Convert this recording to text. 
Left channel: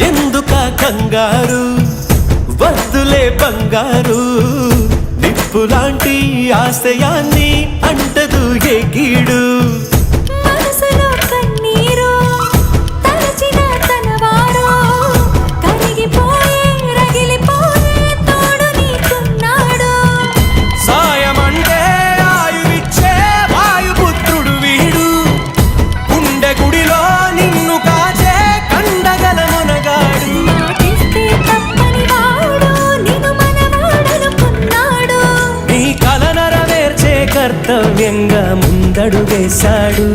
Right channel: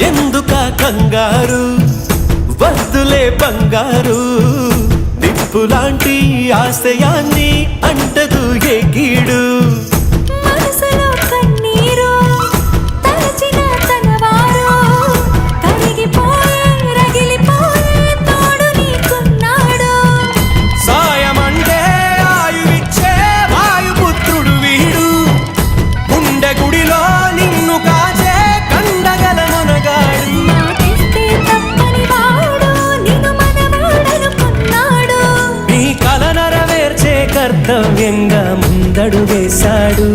ఎందుక కంగారు వద్దులే బంగారు నిప్పులాంటి ఆశయాన్ని అంటదు ఏ కీడు మనసులో కన్నీరు తలచిన తనవారు కరిగిపోయే రగిలిపోయే తోడు నీకున్నాడు సాయమంటే ఆయువిచ్చే వాయుపుత్రుడు వీడు గుండె గుడిలో నిన్ను కాచే కండగల మునగాడు మాటిస్తే తప్పని వాడు నిన్ను మనవాడనుకున్నాడు నీ కల నెరవేర్చే కర్తవ్యంగా ముందడుగేశాడు